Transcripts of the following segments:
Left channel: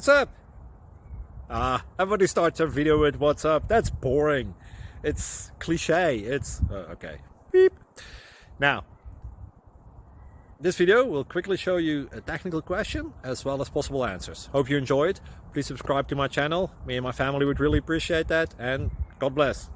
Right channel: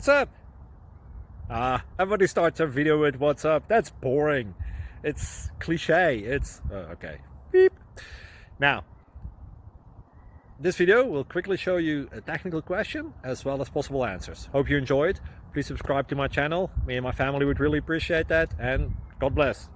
what's up? Everybody starts their video with what's up. That's boring. It's cliche. It's okay. Beep. Now, this video will quickly show you a technical question as well as possible answers. Hope you enjoyed. Please subscribe to my channel. Me and my family would really appreciate that, and God bless.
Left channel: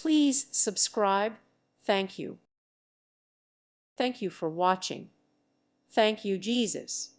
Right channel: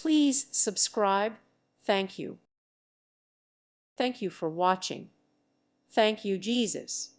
Please subscribe. Thank you. Thank you for watching. Thank you, Jesus.